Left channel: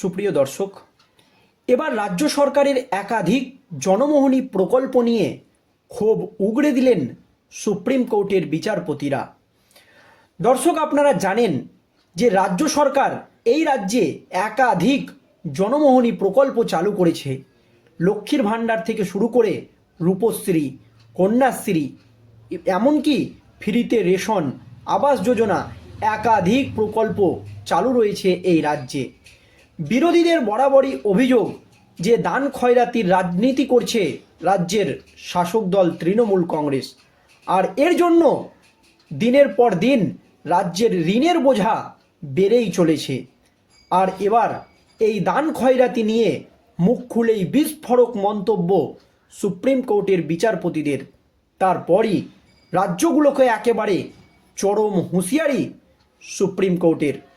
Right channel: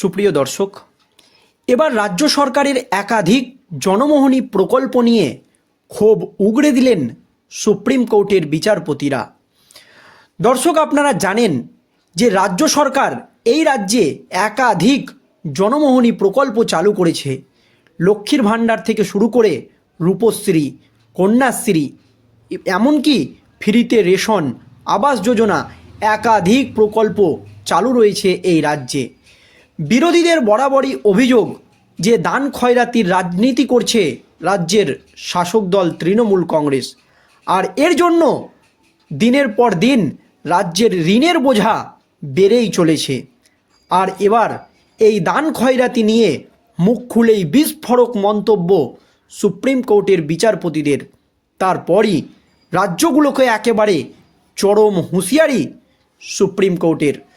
সুপ্রিয় দর্শক, এবার রাজ্য সরকারের একাধিক জনমোহনী প্রকল্প নিয়ে ক্ষোভ উগড়ে দিলেন সুপ্রিম কোর্টের বিচারপতিরা। দর্শক, আপনারা জানেন যে রাজ্য সরকার এই রাজ্যে একাধিক জনমোহনী প্রকল্প চালু করেছে। লক্ষ্মীর ভাণ্ডার থেকে শুরু করে রূপশ্রী, কন্যাশ্রী, এমনকি ফ্রিতে রেশন, আবাস যোজনা একাধিক প্রকল্প চালু রয়েছে এই রাজ্যে। বিরোধীদের বরাবরই অভিযোগ যে দান খয়রাতির রাজনীতি করছে রাজ্যের শাসক দল তৃণমূল কংগ্রেস। আর এর জন্য দিনের পর দিন রাজ্যের ঋণের বোঝা বেড়েই চলেছে। আর এবার এই দান খয়রাতি নিয়ে মুখ খুলেই বিস্ফোরক মন্তব্য সুপ্রিম কোর্টের বিচারপতিদের। তারপরই রাজ্যগুলোকে একেবারে চরম হুঁশিয়ারি সুপ্রিম কোর্টের।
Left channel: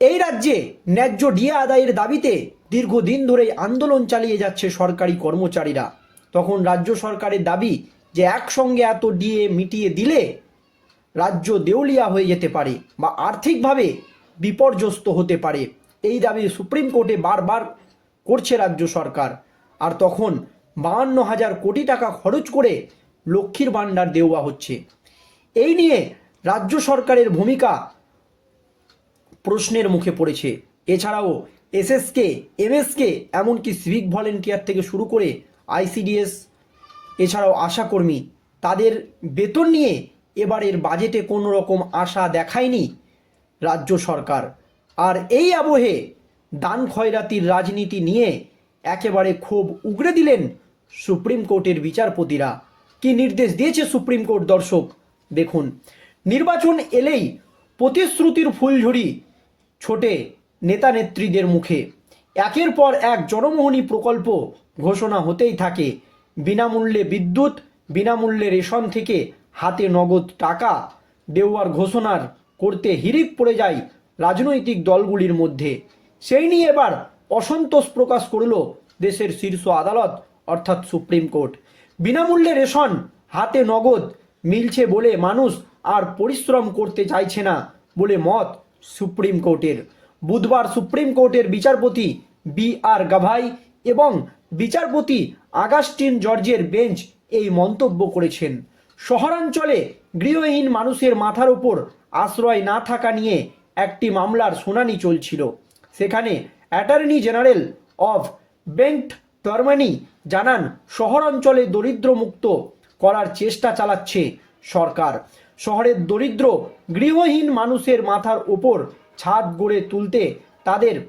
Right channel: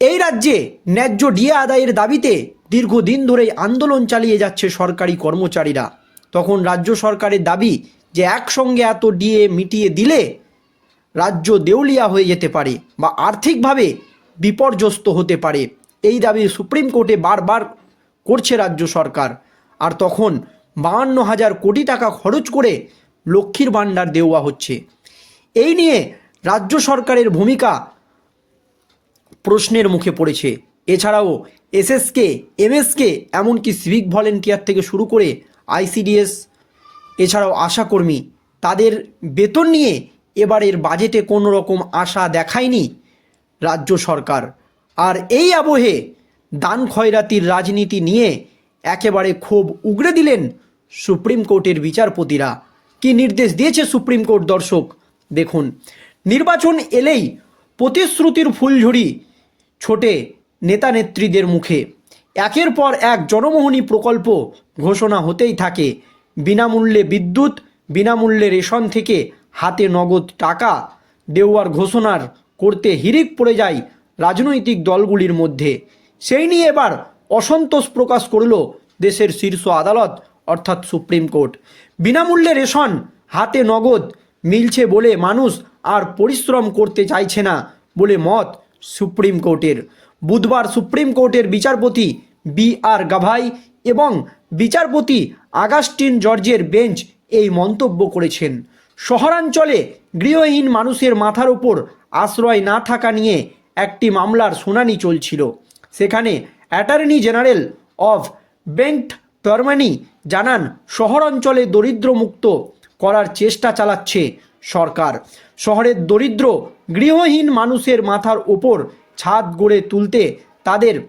এই রাজ্যে ন্যায্য ডিএ আদায়ের দাবিতে দীর্ঘদিন ধরেই আন্দোলন চালিয়ে যাচ্ছে সরকারি কর্মচারীরা। তখন রাজ্য সরকারের দাবি যে একসঙ্গে এত ডিএ মিটিয়ে দিলে রাজ্য দেউলিয়া হয়ে যেতে পারে বা আর্থিকভাবে বিপর্যস্ত হতে পারে। এই দাবি সুপ্রিম কোর্টে বারবার করছে রাজ্য সরকার। আর তখন বাহান্ন হাজার কোটি টাকা খরচ করে লক্ষ্মীর ভাণ্ডার দেওয়া হচ্ছে। এই নিয়ে রাজ্য সরকারের ভূমিকা প্রশ্নের মুখে পড়েছে। এছাড়াও এসএসকে, এমএসকে এমনকি সিভিক ভলেন্টিয়ার থেকে শুরু করে আইসিডিএস, এছাড়াও আশাকর্মী, তাদের বেতন নিয়ে এবারের বাজেটে কোনো রকম আশা দেখায়নি রাজ্য সরকার। আর এই আবহে দান খয়রাতির রাজনীতি নিয়ে একেবারে ক্ষোভ উগড়ে দিলেন সুপ্রিম কোর্টের বিচারপতিরা। কি নির্দেশ দিয়েছে সুপ্রিম কোর্ট দর্শক? দেখুন, নির্বাচন এলেই প্রতিশ্রুতির ফুলঝুরি ছোটে নেতা নেত্রীদের মুখে। একের পর এক জনমোহনী প্রকল্প ঘোষণা হতেই থাকে। বিনামূল্যে বিদ্যুৎ, বিনামূল্যে রেশন থেকে হাতে নগদ টাকা দেওয়ার ঘোষণার করতে হিরিক পড়ে যায় রাজনৈতিক দলগুলির মধ্যে। সেই নিয়ে এবার অসন্তোষ প্রকাশ করল দেশের শীর্ষ আদালত, অর্থাৎ সুপ্রিম কোর্ট। বিনামূল্যে রেশন, হাতে নগদ মিলছে বলে মানুষ আর পরিশ্রম করতে চাইছে না বলে মত সুপ্রিম কোর্টের। বুধবার সুপ্রিম কোর্টের বিচারপতি বি আর গাভাই এবং বিচারপতি আগাস্টিন জর্জের বেঞ্চ এই মন্তব্য করেছেন। শহরাঞ্চলে গৃহহীন মানুষের মাথার ওপর আশ্রয় না থাকা নিয়ে একটি মামলার শুনানি চলছিল। সেখানে অ্যাটর্নি জেনারেল অফ বেন্ট তরমানি জানান, শহরাঞ্চলে দরিদ্রমুক্ত করার চেষ্টা চালাচ্ছে সরকার। শহরের দরিদ্র, গৃহহীন মানুষের মাথার ওপর ছাদ গড়ে তুলতে তাদের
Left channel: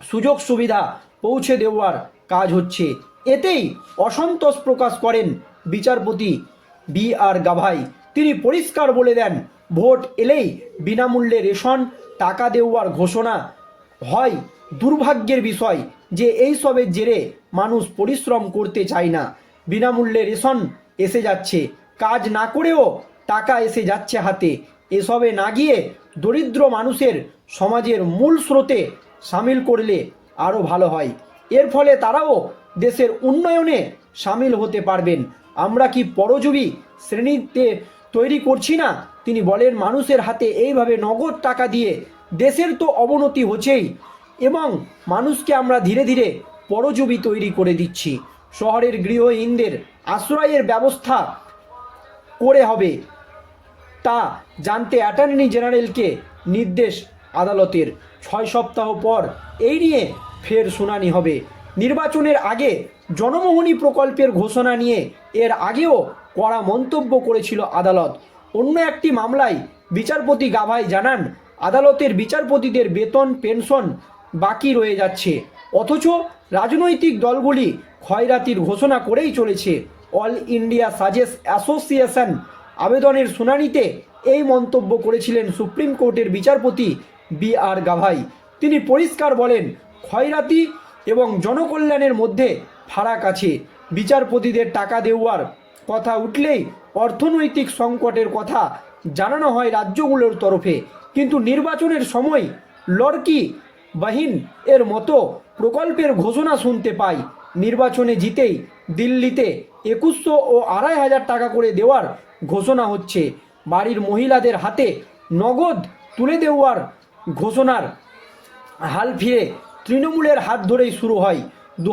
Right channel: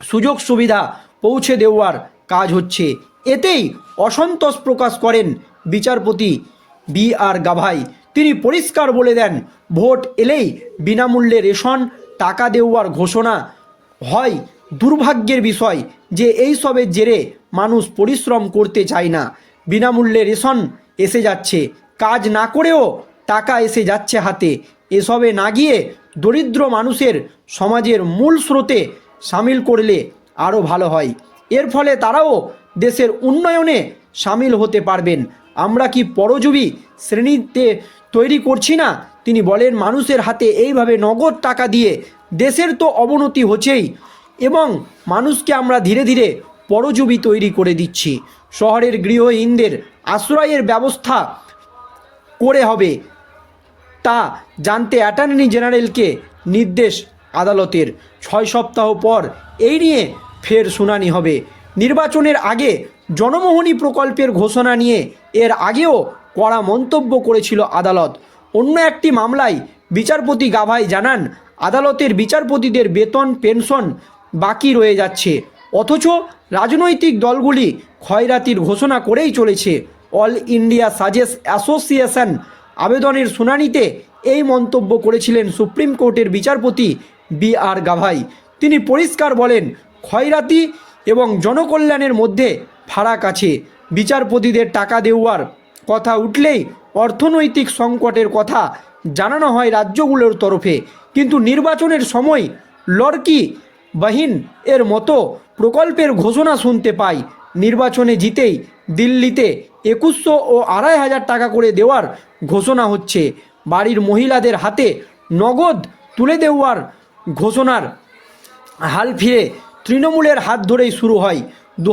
সুযোগ সুবিধা পৌঁছে দেওয়ার কাজ হচ্ছে। এতেই অসন্তোষ প্রকাশ করেন বিচারপতি বি আর গাভাই। তিনি পরিষ্কার বলে দেন, ভোট এলেই বিনামূল্যে রেশন, টাকা দেওয়ার ঘোষণা হয় দুর্ভাগ্যের বিষয় যে এইসবের জেরে মানুষ পরিশ্রম করতে চায় না। বিনামূল্যে রেশন এসে যাচ্ছে। কাজ না করেও টাকা এসে যাচ্ছে হাতে। এসবে না গিয়ে দরিদ্র মানুষের সমাজের মূল স্রোতে সামিল করলে আরও ভালো হয়। এর ফলে তারাও দেশের উন্নয়নে সামিল হতে পারবেন। আমরা কি পরজীবী শ্রেণীতে তৈরি করছি না? তিনি বলেন, মানুষের হাতে এইভাবে নগদ টাকা দিয়ে দেশের তো অবনতি হচ্ছেই এবং মানুষকে আমরা ধীরে ধীরে পরজীবী তৈরি করে দিচ্ছি। শহরের গৃহহীনদের আশ্রয়ের ব্যবস্থা করে হবে। তা জানতে অ্যাটর্নি জেনারেলকে নির্দেশ আদালতের। ছয় সপ্তাহ পর এই নিয়ে ফের শুনানি হবে। নির্বাচনের আগে জনমোহনী প্রকল্পের ঘোষণা নিয়ে এর আগেও কড়া মন্তব্য করেছিল আদালত। অন্য একটি মামলায় বিচারপতি গাভাই জানান, আদালতের বিচারপতিদের বেতন, পেনশন বাকি রয়ে যাচ্ছে। অথচ রাজনৈতিক দলগুলি ক্ষয়রাতির ঘোষণা করেই চলেছে। অল ইন্ডিয়া সাজেস অ্যাসোসিয়েশন আবেদনের শুনানিতে এই মন্তব্য করেছিলেন সুপ্রিম কোর্টের বিচারপতি বি আর গাভাই। তিনি পরিষ্কার বলেন, ক্ষয়রাতি এবং জনকল্যাণের মধ্যে ফারাক আছে। বিচারপতিদের টাকা দেওয়ার কথা উঠলেই অর্থনৈতিক সংকটের কথা জানানো হয় রাজ্যগুলোর তরফে। কিন্তু নির্বাচনের সময় লড়কি বাহিন এর মতো প্রকল্পের ঘোষণা শুনতে পাই। নির্বাচনে জিতেই দিল্লিতে একুশশো ও আড়াই হাজার টাকা করে দেওয়ার ঘোষণা হচ্ছে। বাড়ির মহিলাদের হাতে নগদ তুলে দেওয়ার ঘোষণার হাল ফিরে তৃণমূলের হাত ধরেই শুরু হয়। দু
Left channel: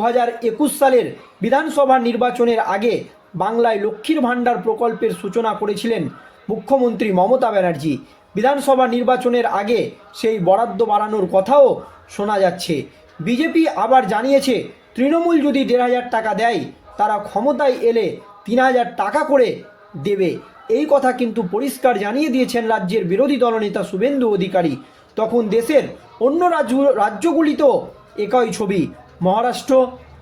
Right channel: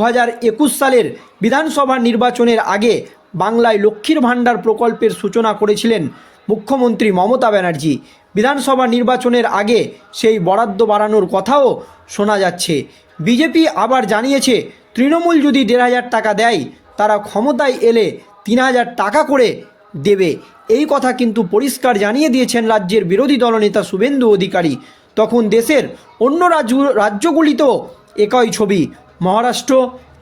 সালের বিধানসভা নির্বাচনের আগে বাংলায় লক্ষ্মীর ভাণ্ডার প্রকল্পের সূচনা করেছিলেন মুখ্যমন্ত্রী মমতা ব্যানার্জি। বিধানসভা নির্বাচনের আগে সেই বরাদ্দ বাড়ানোর কথাও শোনা যাচ্ছে। বিজেপি আবার জানিয়েছে তৃণমূল যদি দেড় হাজার টাকা দেয়, তারা ক্ষমতায় এলে তিন হাজার টাকা করে দেবে। এই কথা কিন্তু পরিষ্কার জানিয়ে দিয়েছেন রাজ্যের বিরোধী দলনেতা শুভেন্দু অধিকারী। তখন দেশের অন্য রাজ্য, রাজ্যগুলিতেও একই ছবি। মহারাষ্ট্র,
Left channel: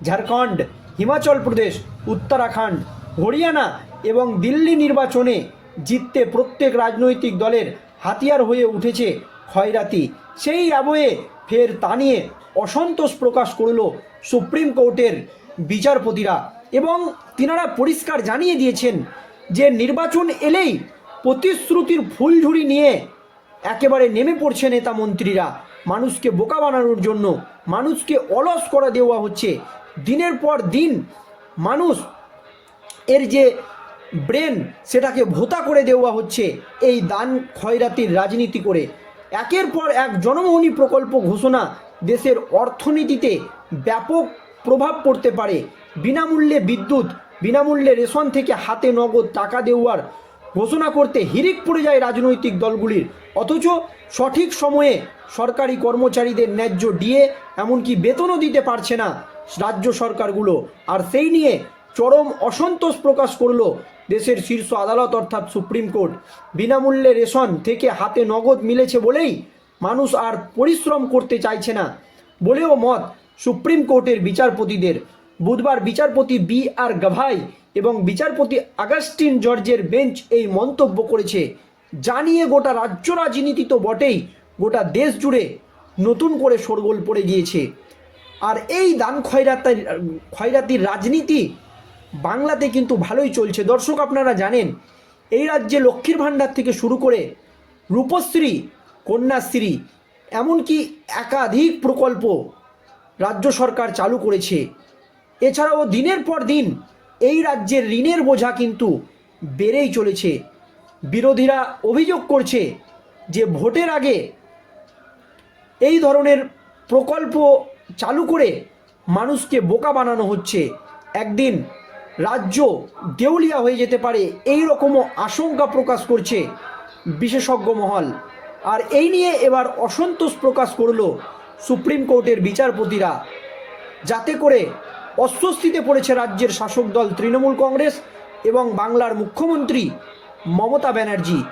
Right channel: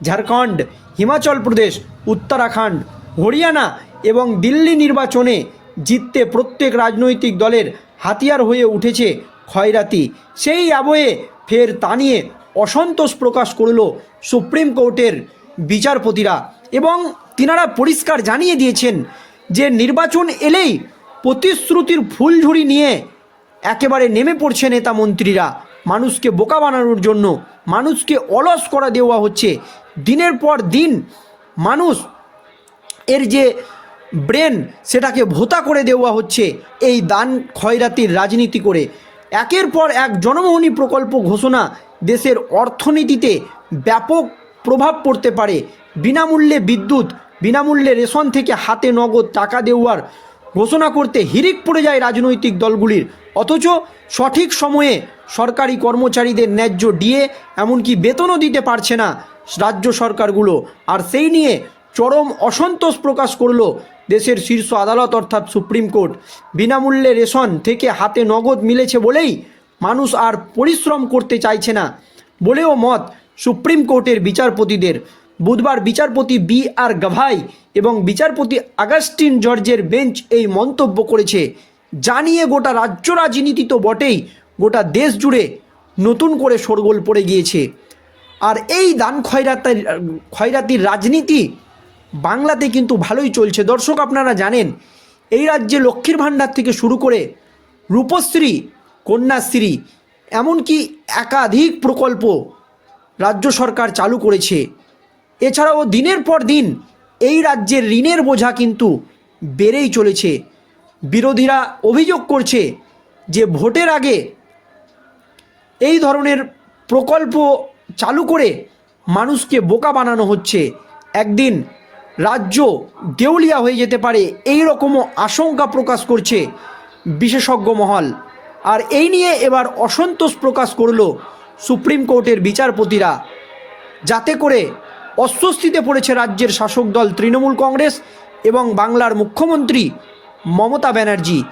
ঝাড়খণ্ড, হিমাচল প্রদেশ, উত্তরাখণ্ড, হরিয়ানা এবং দিল্লি নির্বাচনে জিততে প্রত্যেক রাজনৈতিক দলের হাতিয়ার হয়ে উঠেছে খয়রাতি সেই আবহে ফের তা নিয়ে অসন্তোষ প্রকাশ করল সুপ্রিম কোর্টের বিচারপতিরা এবং তিনারা পরিষ্কার জানিয়ে দিয়েছেন যে নির্বাচন এলেই প্রতিশ্রুতির ফুলঝুরি নিয়ে একেবারে নেমে পড়ছে নেতা মন্ত্রীরা। মানুষকে বোকা বানানোর জন্য, মানুষকে অলস করা দেওয়া হচ্ছে। দিনের পর দিন মানুষ এর যে ব্রেন, সেটাকে ভোতা করে দেওয়া হচ্ছে এই দান খয়রাতির রাজনীতি করে। একের পর এক জনমোহনী প্রকল্প ঘোষণা দেশের অর্থনীতিতে ব্যাপক প্রভাব পড়তে পারে। বিনামূল্যে বিদ্যুৎ, বিনামূল্যে রেশন থেকে হাতে নগদ টাকা দেওয়ার ঘোষণা করতে হিরিক পড়ে যায় রাজনৈতিক দলগুলির। অথচ সঠিক সময়ে সরকারি কর্মচারীদের ন্যায্য ডিএ, এমনকি বেতনও দিতে পারছে না রাজ্য সরকারগুলো। আর সেই নিয়ে চরম অসন্তোষ প্রকাশ করল দেশের শীর্ষ আদালত, অর্থাৎ সুপ্রিম কোর্ট। বিনামূল্যে রেশন থেকে হাতে নগদ মিলেছে বলেই মানুষ আর পরিশ্রম করতে চাইছে না বলেও মত সুপ্রিম কোর্টের বিচারপতিদের। বুধবার বিচারপতি বি আর গাভাই এবং বিচারপতি আগাস্টিন জর্জের বেঞ্চ এই মন্তব্য করেছে। জানিয়ে গোটা রাজ্য রাজনীতি তো বটেই, গোটা দেশ জুড়ে নতুন করে শোরগোল পড়ে গিয়েছে। আর এই দান খয়রাতির খয়রাতির রাজনীতি বাংলাতে কিন্তু ভালোই চলছে। দর্শক, আপনারা জানেন, এই রাজ্যে লক্ষ্মীর ভাণ্ডার থেকে শুরু করে রূপশ্রী কন্যাশ্রী, এমনকি একাধিক প্রকল্প রাজ্য সরকার চালু করেছে। এছাড়াও দিনের পর দিন এই রাজ্যের ঋণের বোঝা কিন্তু বেড়েই চলেছে। বিরোধীরা অভিযোগ করছে যে ভোটের আগে এই ধরনের প্রকল্প চালু করে মানুষকে বোকা বানানো হচ্ছে। একদিন রাজ্য দেউলিয়া হয়ে যেতে পারে এই রকমও আশঙ্কা প্রকাশ করছে বিশেষজ্ঞ মহল। আর এই নিয়ে এবার অসন্তোষ প্রকাশ করল সুপ্রিম কোর্টের বিচারপতিরা। যাতে করে অস্বস্তিতে পড়েছে রাজ্যের শাসক দল তৃণমূল কংগ্রেস এবং বাংলার মুখ্যমন্ত্রী মমতা ব্যানার্জি।